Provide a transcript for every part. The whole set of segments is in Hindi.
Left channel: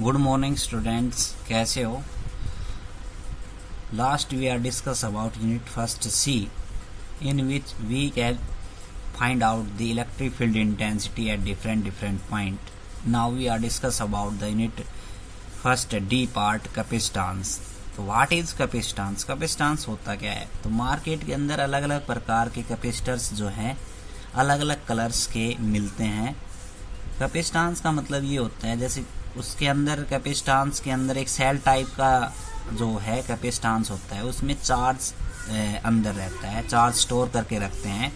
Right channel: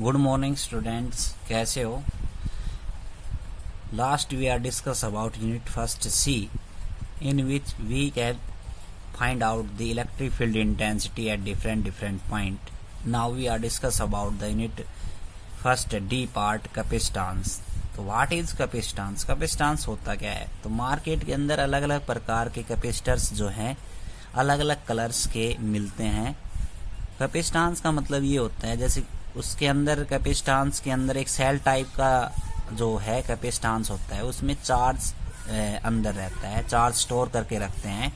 गुड मॉर्निंग स्टूडेंट्स, कैसे हो? Last we are discuss about unit first see in which we can find out the electric field intensity at different point. Now we are discuss about the unit first D part, capacitance. तो व्हाट इज कैपेसिटेंस? कैपेसिटेंस होता क्या है? तो मार्केट के अंदर अलग अलग प्रकार के कैपेसिटर्स जो हैं अलग अलग कलर्स के मिलते हैं। कैपेसिटेंस का मतलब ये होता है जैसे उसके अंदर कैपेसिटेंस के अंदर एक सेल टाइप का जो है कैपेसिटेंस होता है, उसमें चार्ज अंदर रहता है, चार्ज स्टोर करके रखते हैं,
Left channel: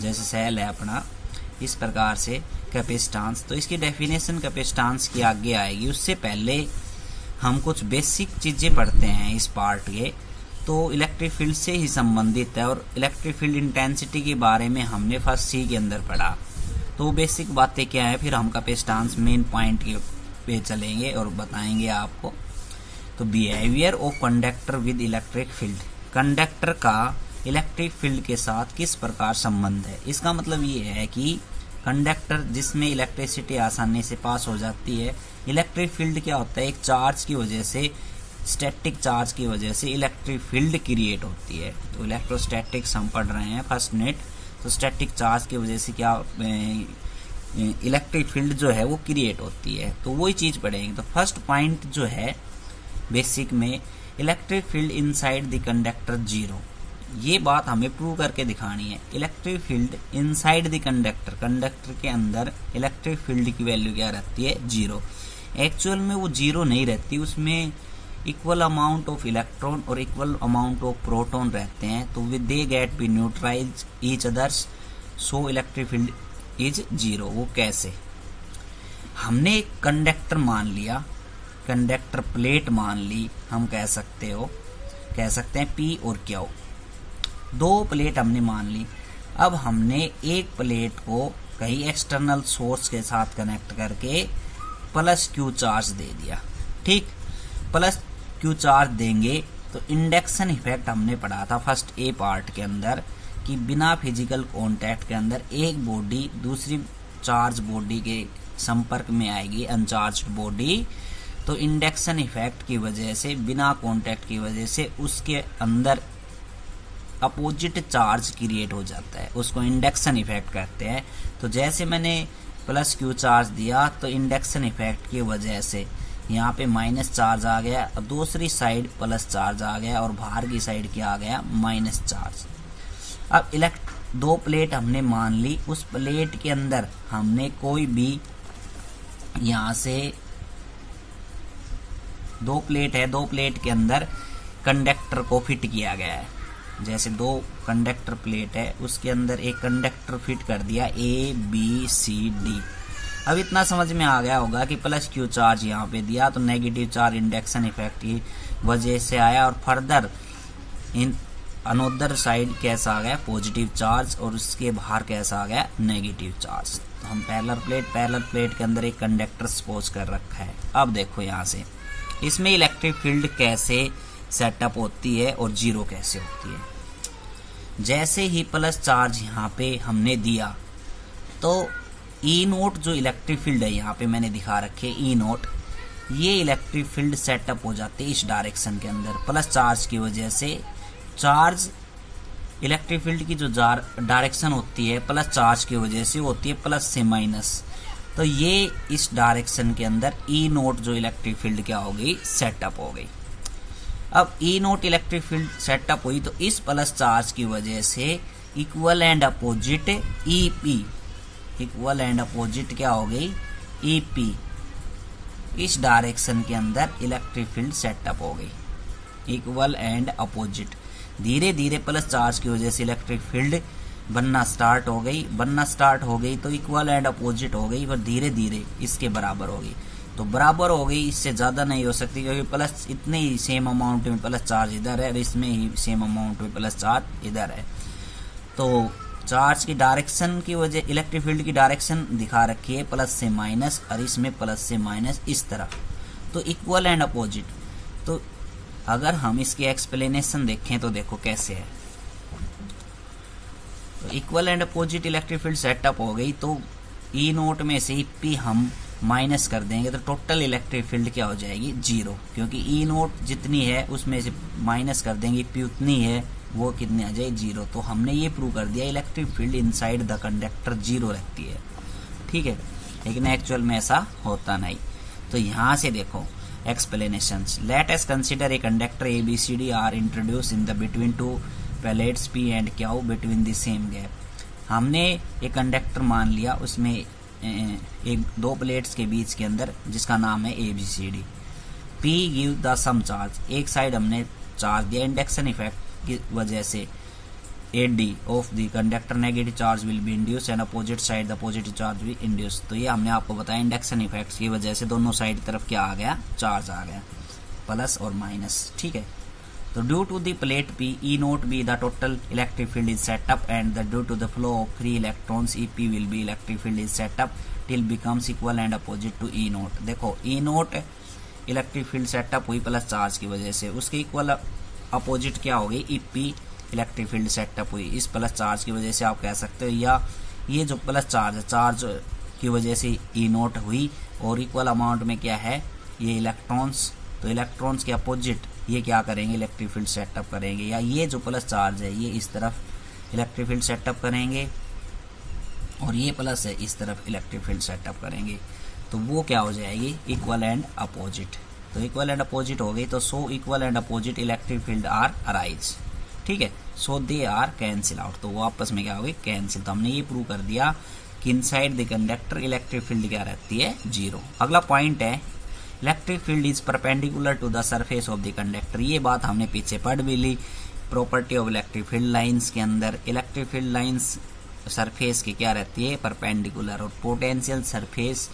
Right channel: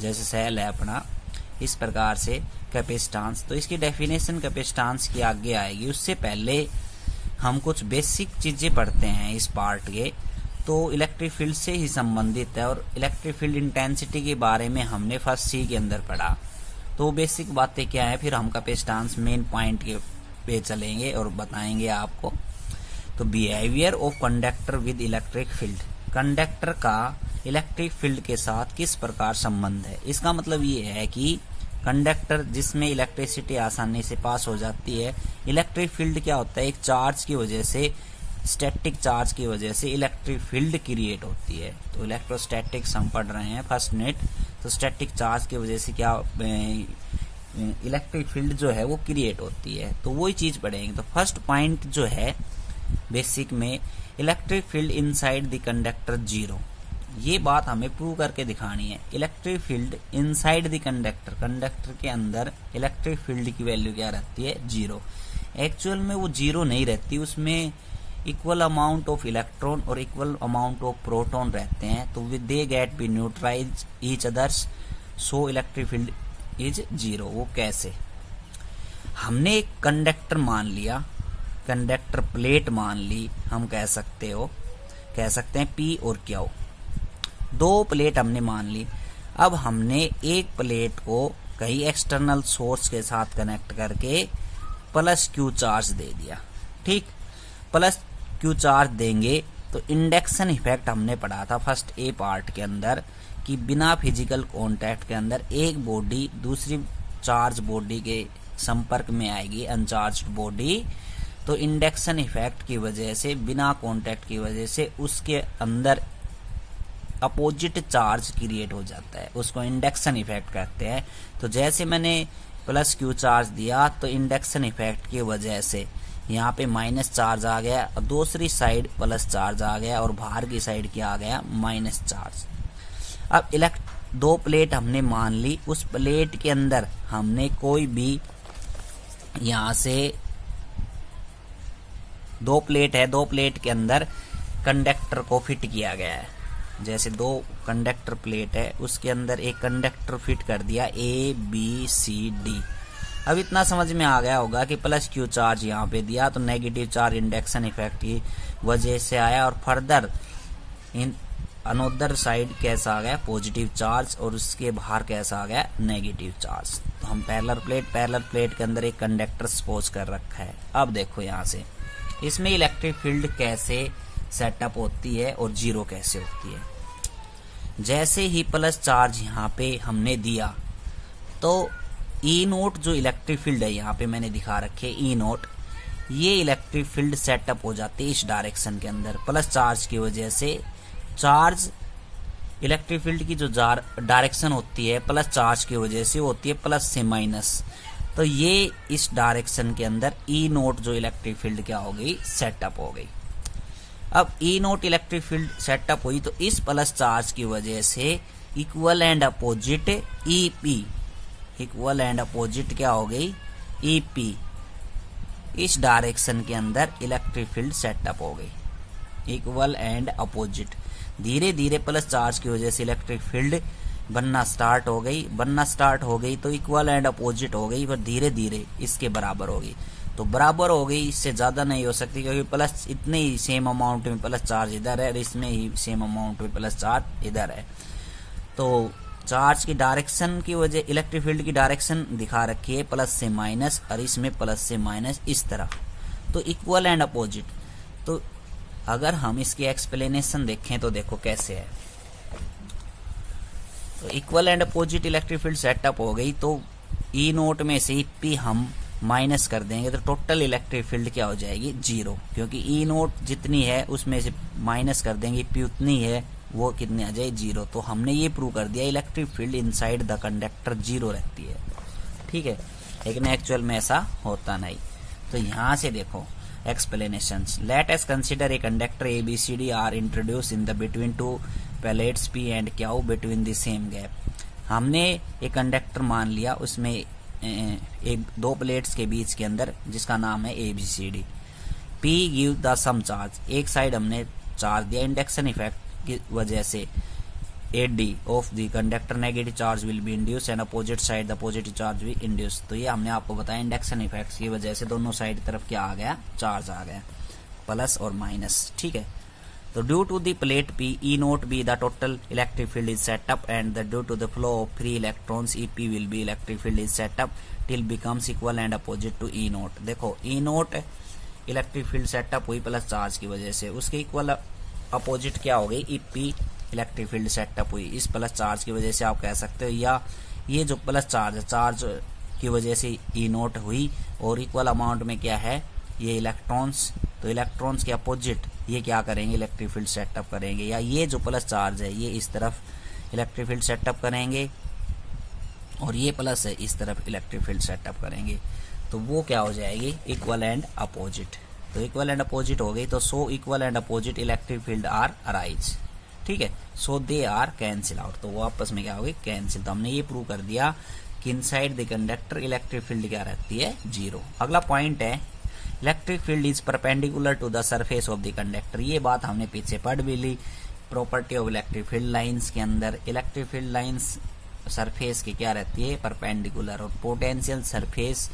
जैसे सेल है अपना, इस प्रकार से कैपेसिटेंस। तो इसकी डेफिनेशन कैपेसिटेंस की आगे आएगी। उससे पहले हम कुछ बेसिक चीजें पढ़ते हैं इस पार्ट के, तो इलेक्ट्रिक फील्ड से ही संबंधित है और इलेक्ट्रिक फील्ड इंटेंसिटी के बारे में हमने फर्स्ट सी के अंदर पढ़ा। तो बेसिक बातें क्या है, फिर हम कैपेसिटेंस मेन पॉइंट के पे चलेंगे और बताएंगे आपको। तो behaviour of conductor with electric field, conductor का इलेक्ट्रिक फील्ड के साथ किस प्रकार संबंध है। इसका मतलब ये है कि कंडक्टर जिसमें इलेक्ट्रिसिटी आसानी से पास हो जाती है, इलेक्ट्रिक फील्ड क्या होता है, एक चार्ज की वजह से, स्टैटिक चार्ज की वजह से इलेक्ट्रिक फील्ड क्रिएट होती है। तो इलेक्ट्रोस्टैटिक्स हम पढ़ रहे हैं फर्स्ट यूनिट, तो स्टैटिक चार्ज की वजह से क्या इलेक्ट्रिक फील्ड जो है वो क्रिएट होती है, तो वही चीज पढ़ेंगे। तो फर्स्ट पॉइंट जो है बेसिक में, electric field inside the conductor zero, ये बात हमें प्रूव करके दिखानी है। Electric field inside the conductor, conductor के अंदर इलेक्ट्रिक फील्ड की वैल्यू क्या रहती है, जीरो। एक्चुअल में वो जीरो नहीं रहती, उसमें इक्वल अमाउंट ऑफ इलेक्ट्रॉन और इक्वल अमाउंट ऑफ प्रोटॉन रहते हैं, तो they get be neutralize each others, so electric field is zero. वो कैसे? हमने एक कंडक्टर मान लिया, कंडक्टर प्लेट मान ली, हम कह सकते हैं पी और क्यू, दो प्लेट हमने मान ली। अब हमने एक प्लेट को कहीं एक्सटर्नल सोर्स के साथ कनेक्ट करके प्लस क्यू चार्ज दे दिया, ठीक। प्लस क्यू चार्ज देंगे तो इंडक्शन इफेक्ट हमने पढ़ा था फर्स्ट ए पार्ट के अंदर कि बिना फिजिकल कांटेक्ट के अंदर एक बॉडी दूसरी चार्ज बॉडी के संपर्क में आएगी, अनचार्ज्ड बॉडी, तो इंडक्शन इफेक्ट की वजह से, बिना कांटेक्ट की वजह से उसके अंदर अपोजिट चार्ज क्रिएट हो जाता है, उसको इंडक्शन इफेक्ट कहते हैं। तो जैसे मैंने प्लस क्यू चार्ज दिया तो इंडक्शन इफेक्ट की वजह से यहाँ पे माइनस चार्ज आ गया और दूसरी साइड प्लस चार्ज आ गया और बाहर की साइड क्या आ गया, माइनस चार्ज। अब दो प्लेट हमने मान ली, उस प्लेट के अंदर हमने कोई भी यहां से दो प्लेट है, दो प्लेट के अंदर कंडक्टर को फिट किया गया है। जैसे दो कंडक्टर प्लेट है, उसके अंदर एक कंडक्टर फिट कर दिया ए बी सी डी। अब इतना समझ में आ गया होगा कि प्लस क्यू चार्ज यहाँ पे दिया तो नेगेटिव चार्ज इंडक्शन इफेक्ट की वजह से आया, और फर्दर इन अनोदर साइड कैसा आ गया, पॉजिटिव चार्ज, और उसके बाहर कैसा आ गया, नेगेटिव चार्ज। तो हम पैरेलल प्लेट के अंदर एक कंडक्टर सपोज कर रखा है। अब देखो यहाँ से इसमें इलेक्ट्रिक फील्ड कैसे सेटअप होती है और जीरो कैसे होती है। जैसे ही प्लस चार्ज यहाँ पे हमने दिया तो ई नोट जो इलेक्ट्रिक फील्ड है, यहाँ पे मैंने दिखा रखे ई नोट, ये इलेक्ट्रिक फील्ड सेटअप हो जाती है इस डायरेक्शन के अंदर। प्लस चार्ज की वजह से चार्ज, इलेक्ट्रिक फील्ड की जो डायरेक्शन होती है प्लस चार्ज की वजह से होती है प्लस से माइनस, तो ये इस डायरेक्शन के अंदर ई नोट जो इलेक्ट्रिक फील्ड क्या हो गई, सेटअप हो गई। अब ई नोट इलेक्ट्रिक फील्ड सेटअप हुई तो इस प्लस चार्ज की वजह से equal and opposite E P, equal and opposite क्या हो गई, ई पी, इस डायरेक्शन के अंदर इलेक्ट्रिक फील्ड सेटअप हो गई, इक्वल एंड अपोजिट। धीरे धीरे प्लस चार्ज की वजह से इलेक्ट्रिक फील्ड बनना स्टार्ट हो गई, तो इक्वल एंड अपोजिट हो गई, पर धीरे धीरे इसके बराबर हो गई। तो बराबर हो गई, इससे ज्यादा नहीं हो सकती, क्योंकि प्लस इतने ही सेम अमाउंट में प्लस चार्ज इधर है और इसमें ही सेम अमाउंट में प्लस चार्ज इधर है। तो चार्ज की डायरेक्शन की वजह, इलेक्ट्रिक फील्ड की डायरेक्शन दिखा रखी है प्लस से माइनस, और इसमें प्लस से माइनस इस तरह, तो इक्वल एंड अपोजिट। तो अगर हम इसकी एक्सप्लेनेशन देखें तो देखो कैसे है। तो equal and opposite electric field setup हो गई, तो ई नोट में से पी हम माइनस कर देंगे तो टोटल इलेक्ट्रिक फील्ड क्या हो जाएगी, जीरो, क्योंकि ई नोट जितनी है उसमें से माइनस कर देंगे, पी उतनी है, वो कितनी आ जाए, जीरो। तो हमने ये प्रूव कर दिया electric field inside the conductor zero रहती है, ठीक है, लेकिन एक्चुअल में ऐसा होता नहीं। तो यहां से देखो explanations, let us consider a conductor ABCD are introduce in the between two plates P and Q between the same gap. हमने एक कंडक्टर मान लिया, उसमें एक दो प्लेट्स के बीच के अंदर जिसका नाम है ABCD। P give the some charge, एक साइड हमने चार्ज दिया, इंडक्शन इफेक्ट की वजह से AD of the conductor negative charge will be induce and opposite side the positive charge will induce. तो ये हमने आपको बताया इंडक्शन इफेक्ट की वजह से दोनों साइड तरफ क्या आ गया, चार्ज आ गया, प्लस और माइनस, ठीक है। तो due to the plate P, E naught be the total electric field is set up and due to the flow of free electrons EP will be electric field is set up till becomes equal and opposite to E naught. देखो E naught electric field setup हुई प्लस चार्ज की वजह से, उसके इक्वल अपोजिट क्या हो गई, EP इलेक्ट्रिक फील्ड सेटअप हुई इस प्लस चार्ज की वजह से, आप कह सकते हो, या ये जो प्लस चार्ज है, चार्ज की वजह से E नोट हुई, और इक्वल अमाउंट में क्या है, ये इलेक्ट्रॉन्स, तो इलेक्ट्रॉन्स के अपोजिट ये क्या करेंगे, इलेक्ट्रिक फील्ड सेटअप करेंगे, या ये जो प्लस चार्ज है ये इस तरफ इलेक्ट्रिक फील्ड सेटअप करेंगे, और ये प्लस है इस तरफ इलेक्ट्रिक फील्ड सेटअप करेंगे। तो वो क्या हो जाएगी, इक्वल एंड अपोजिट। तो इक्वल एंड अपोजिट हो गई, तो so equal and opposite electric field are arise, ठीक है, so they are cancel out. तो वो आपस में क्या हो गई, कैंसिल। तो हमने ये प्रूव कर दिया कि inside the conductor electric field क्या रहती है, जीरो। अगला पॉइंट है electric field is perpendicular to the surface of the conductor. ये बात हमने पीछे पढ़ भी ली, property of electric field lines के अंदर इलेक्ट्रिक फील्ड लाइंस सरफेस की क्या रहती है, परपेंडिकुलर, और पोटेंशियल सरफेस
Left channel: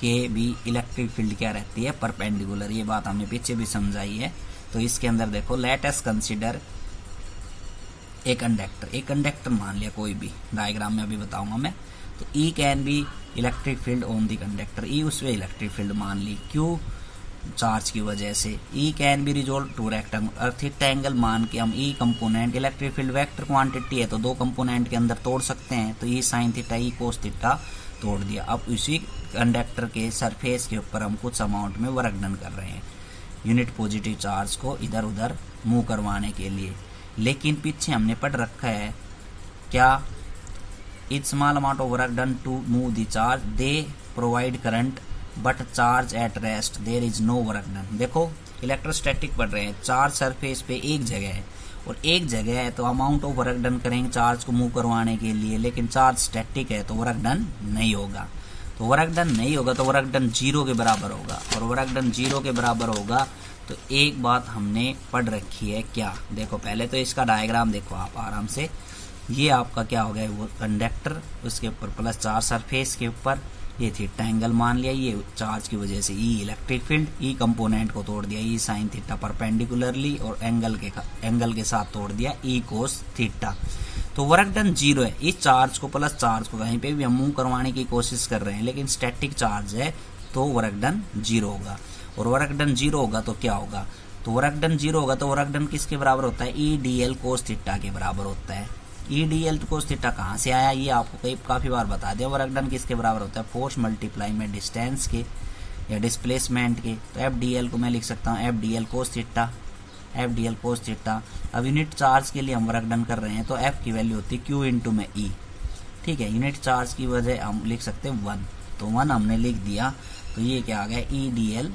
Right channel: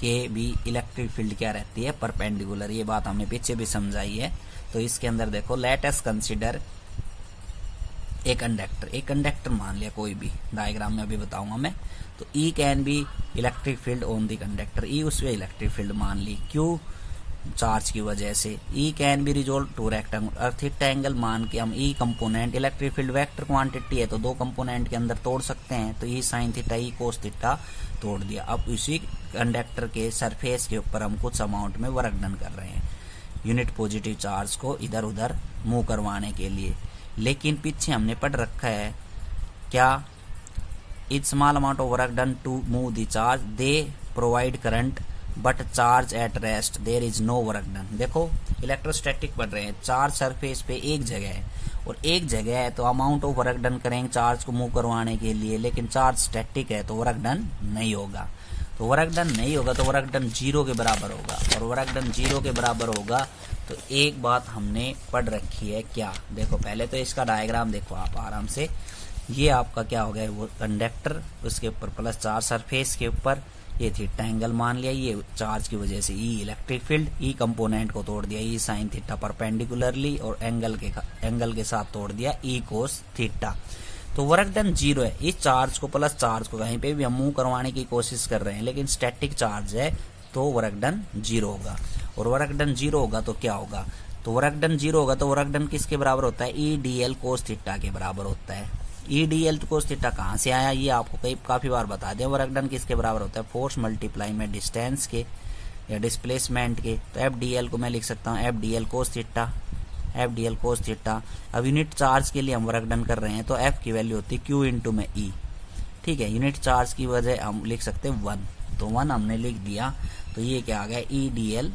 के भी इलेक्ट्रिक फील्ड क्या रहती है, परपेंडिकुलर। ये बात हमने पीछे भी समझाई है। तो इसके अंदर देखो, लेट अस कंसीडर एक कंडक्टर मान लिया कोई भी, डायग्राम में अभी बताऊंगा मैं। तो E can be electric field on the conductor, E उसमें इलेक्ट्रिक फील्ड मान ली, क्यों, चार्ज की वजह से। E can be resolve to rectangle, और थीटा एंगल मान के हम E component, electric field vector quantity है तो दो कंपोनेंट के अंदर तोड़ सकते हैं, तो E sine theta E cos theta तोड़ दिया। अब इसी कंडक्टर के सरफेस के ऊपर हम कुछ अमाउंट में वर्क डन कर रहे हैं, यूनिट पॉजिटिव चार्ज को इधर उधर मूव करवाने के लिए। लेकिन पीछे हमने पढ़ रखा है क्या, it small amount of work done to move the charge, they provide current but charge at rest there is no work done. देखो इलेक्ट्रोस्टैटिक पढ़ रहे हैं, चार्ज सरफेस पे एक जगह है और एक जगह है, तो अमाउंट ऑफ वर्क डन करेंगे चार्ज को मूव करवाने के लिए, लेकिन चार्ज स्टैटिक है तो वर्क डन नहीं होगा। तो वर्क डन नहीं होगा तो वर्क डन जीरो के बराबर होगा, और वर्क डन जीरो के बराबर होगा तो एक बात हमने पढ़ रखी है क्या, देखो पहले तो इसका डायग्राम देखो आप आराम से। ये आपका क्या हो गया, वो कंडक्टर, उसके ऊपर प्लस चार्ज सरफेस के ऊपर, ये थीटा एंगल मान लिया, ये चार्ज की वजह से E electric field, E component को तोड़ दिया, E साइन थीटा परपेंडिकुलरली, और एंगल के साथ तोड़ दिया E कोस थीटा। तो वर्क डन जीरो है। इस चार्ज को प्लस चार्ज को कहीं पे भी हम मूव करवाने की कोशिश कर रहे हैं, लेकिन स्टैटिक चार्ज है तो वर्क डन जीरो होगा। और वर्क डन जीरो होगा तो क्या होगा, तो वर्क डन जीरो होगा तो वर्क डन किसके बराबर होता है, EDL कोस थीटा के बराबर होता है। EDL कोस थीटा कहां से आया, ये आपको काफी बार बता दिया। वर्क डन किसके बराबर होता है, फोर्स मल्टीप्लाई में डिस्टेंस के या डिस्प्लेसमेंट के। तो FDL को मैं लिख सकता हूँ FDL cos theta, FDL cos theta. अब यूनिट चार्ज के लिए हम वर्क डन कर रहे हैं तो F की वैल्यू होती है Q इंटू में E, ठीक है। यूनिट चार्ज की वजह हम लिख सकते हैं 1, तो 1 हमने लिख दिया। तो ये क्या आ गया, EDL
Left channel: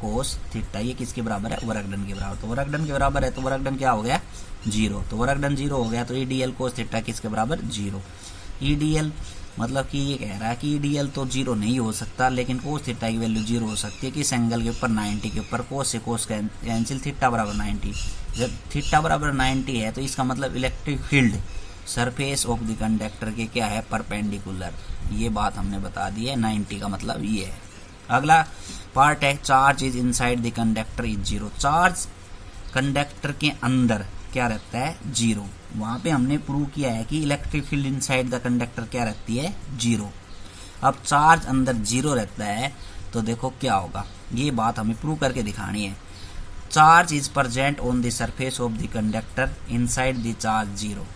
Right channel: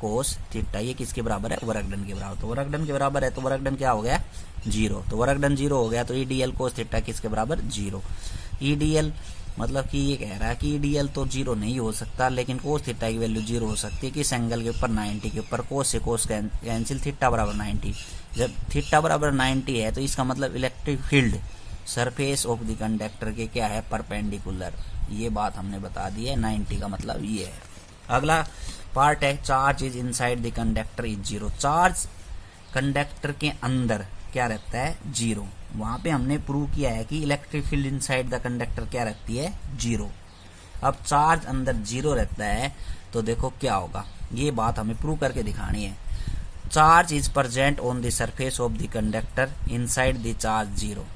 कोस थीटा, ये किसके बराबर है, वर्क डन के बराबर। तो वर्क डन के बराबर है तो वर्क डन क्या हो गया, जीरो। तो वर्क डन जीरो हो गया तो EDL कोस थीटा किसके बराबर, जीरो। EDL मतलब कि ये कह रहा है कि EDL तो जीरो नहीं हो सकता, लेकिन कोस थीटा की वैल्यू जीरो हो सकती है। किस एंगल के ऊपर, 90 के ऊपर। कोस से कोस कैंसिल, थीटा बराबर 90। जब थीटा बराबर 90 है तो इसका मतलब electric field surface of the conductor के क्या है, परपेंडिकुलर। ये बात हमने बता दी है, 90 का मतलब ये है। अगला पार्ट है charge is inside the conductor is zero. Charge conductor के अंदर क्या रहता है, जीरो। वहां पे हमने प्रूव किया है कि electric field inside the conductor क्या रहती है, जीरो। अब चार्ज अंदर जीरो रहता है तो देखो क्या होगा, ये बात हमें प्रूव करके दिखानी है। Charge is present on the surface of the conductor inside the charge zero.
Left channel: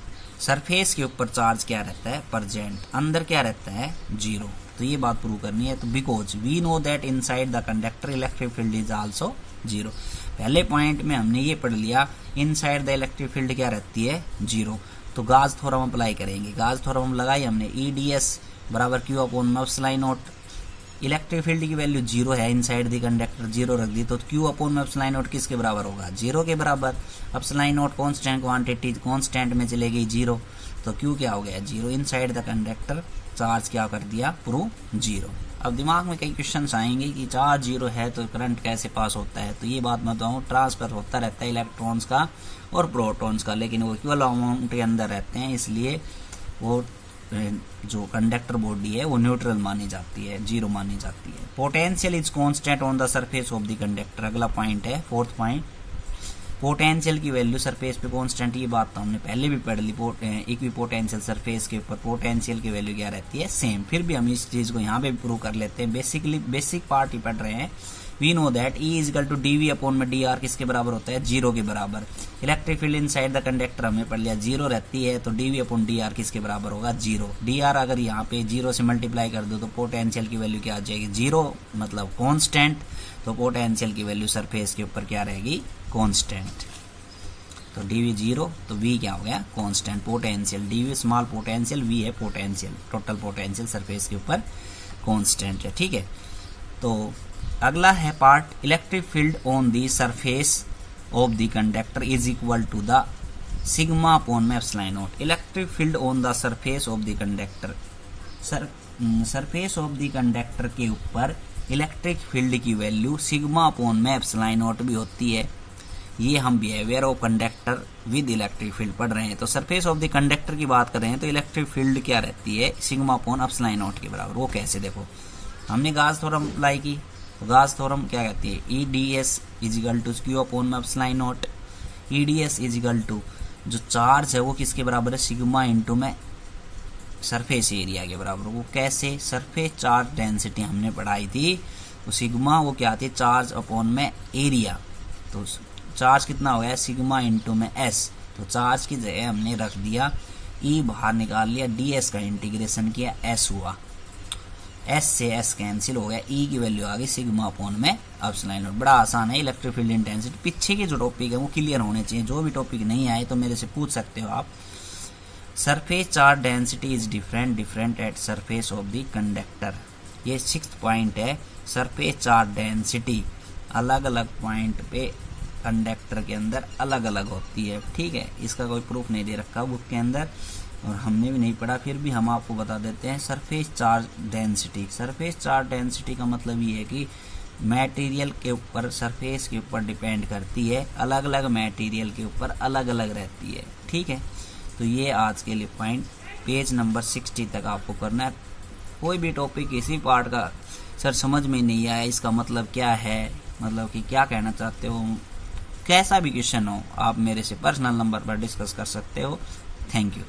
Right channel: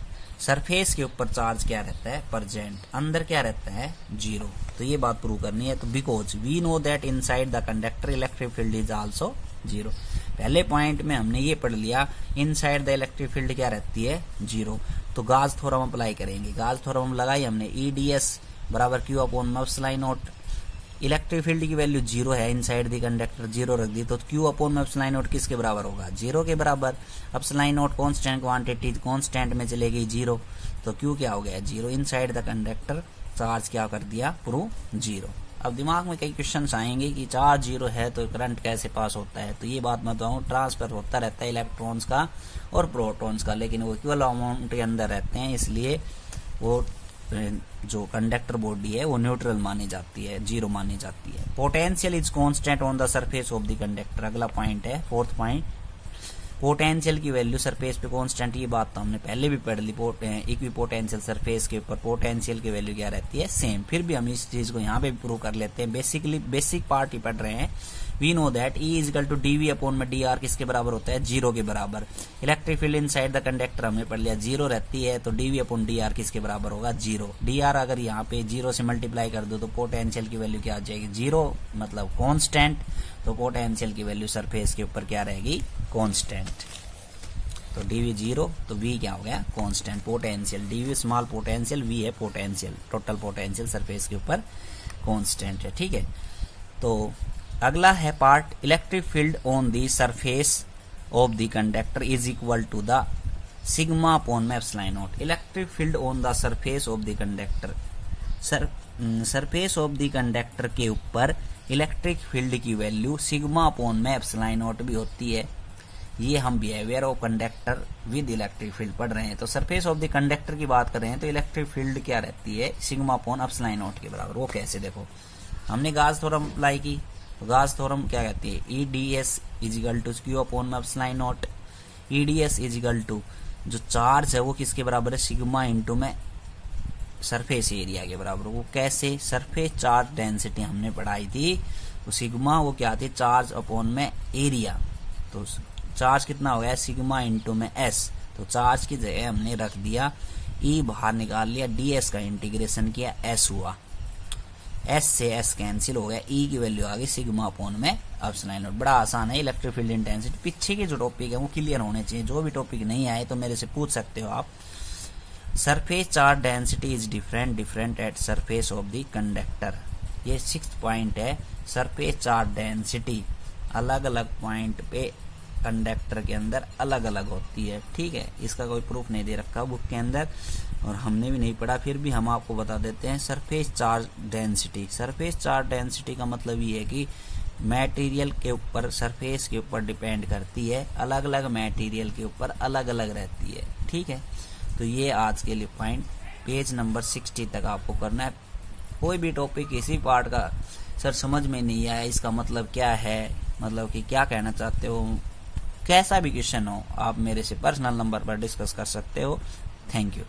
Surface के ऊपर चार्ज क्या रहता है, प्रेजेंट, अंदर क्या रहता है, जीरो। तो तो ये बात प्रूव करनी है। तो because we know that inside the conductor electric field is also zero. पहले पॉइंट में हमने ये पढ़ लिया इनसाइड द इलेक्ट्रिक फील्ड क्या रहती है, जीरो। तो गाज थ्योरम अप्लाई करेंगे। गाज थ्योरम लगाई हमने, ईडीएस बराबर Q upon epsilon naught. Electric field की वैल्यू जीरो है, इनसाइड द कंडक्टर जीरो रख दी, तो क्यू अपॉन एप्सिलॉन नॉट किसके बराबर होगा, जीरो के बराबर। Epsilon not constant quantity, constant में चले गई जीरो, तो क्यू क्या हो गया, zero. Inside the conductor charge क्या कर दिया, प्रूव जीरो। अब दिमाग में कई क्वेश्चंस आएंगे कि चार्ज जीरो है तो करंट कैसे पास होता है। तो ये बात मैं बताऊं, ट्रांसफर होता रहता है इलेक्ट्रॉन्स का और प्रोटॉन्स का, लेकिन वो इक्वल अमाउंट के अंदर रहते हैं, इसलिए वो जो कंडक्टर बॉडी है वो न्यूट्रल मानी जाती है, जीरो मानी जाती है। Potential is constant on the surface of the conductor, अगला पॉइंट है, फोर्थ पॉइंट। पोटेंशियल की वैल्यू सरफेस पे कांस्टेंट, ये बात तो हमने पहले भी पढ़ ली। इक्वी पोटेंशियल सरफेस के ऊपर पोटेंशियल की वैल्यू क्या रहती है, सेम। फिर भी हम इस चीज को यहाँ पे भी प्रूव कर लेते हैं। बेसिकली बेसिक पार्ट ही पढ़ रहे हैं। We know that E is equal to dV upon में डी आर किसके बराबर होता है, जीरो के बराबर। Electric field inside the conductor हमने पढ़ लिया, जीरो रहती है, तो डीवी अपॉन डी आर किसके बराबर होगा, जीरो। डी आर अगर यहाँ पे जीरो से मल्टीप्लाई कर दो तो पोटेंशियल की वैल्यू क्या आ जाएगी, जीरो, मतलब कांस्टेंट। तो पोटेंशियल की वैल्यू सरफेस के ऊपर क्या रहेगी, कांस्टेंट। तो डीवी जीरो, तो वी क्या हो गया, constant. Potential dV small potential, V है पोटेंशियल, टोटल पोटेंशियल सरफेस के ऊपर कांस्टेंट है, ठीक है। तो अगला है part, electric field on the surface of the conductor is equal to the sigma upon में epsilon naught. Electric field on the surface of the conductor, surface of the conductor के ऊपर इलेक्ट्रिक फील्ड की वैल्यू सिग्मा अपॉन में एप्सिलॉन नॉट भी होती है। ये हम behaviour of conductor with electric field पढ़ रहे हैं। तो सरफेस ऑफ द कंडक्टर की बात कर रहे हैं तो इलेक्ट्रिक फील्ड क्या रहती है, सिग्मा अपॉन एप्सिलॉन नॉट के बराबर। वो कैसे, देखो हमने गाज थ्योरम अप्लाई की, तो गाज थ्योरम क्या कहती है, EDS is equal to Q upon epsilon naught. EDS is equal to जो चार्ज है वो किसके बराबर है, सिग्मा इंटू में सरफेस एरिया के बराबर। वो कैसे, सरफेस चार्ज डेंसिटी हमने पढ़ाई थी, तो सिग्मा वो क्या आती है, चार्ज अपॉन में एरिया। तो चार्ज कितना हो गया, सिग्मा इंटू में एस। तो चार्ज की जगह हमने रख दिया ई, बाहर निकाल लिया, डीएस का इंटीग्रेशन किया, एस हुआ, एस से एस कैंसिल हो गया, ई की वैल्यू आ गई सिग्मा अपॉन में एप्सिलॉन नॉट। बड़ा आसान है इलेक्ट्रिक फील्ड इंटेंसिटी। पीछे के जो टॉपिक है वो क्लियर होने चाहिए, जो भी टॉपिक नहीं आए तो मेरे से पूछ सकते हो आप। Surface charge density is different at surface of the conductor, ये 6th पॉइंट है। सरफेस चार्ज डेंसिटी अलग अलग पॉइंट पे कंडक्टर के अंदर अलग अलग होती है, ठीक है। इसका कोई प्रूफ नहीं दे रखा बुक के अंदर और हमने भी नहीं पढ़ा, फिर भी हम आपको बता देते हैं। Surface charge density, surface charge density का मतलब ये है कि मटेरियल के ऊपर, सरफेस के ऊपर डिपेंड करती है, अलग अलग मटेरियल के ऊपर अलग अलग रहती है, ठीक है। तो ये आज के लिए पॉइंट पेज नंबर 60 तक आपको करना है। कोई भी टॉपिक किसी पार्ट का सर समझ में नहीं आया, इसका मतलब क्या है, मतलब कि क्या कहना चाहते हो, कैसा भी क्वेश्चन हो, आप मेरे से पर्सनल नंबर पर डिस्कस कर सकते हो। Thank you.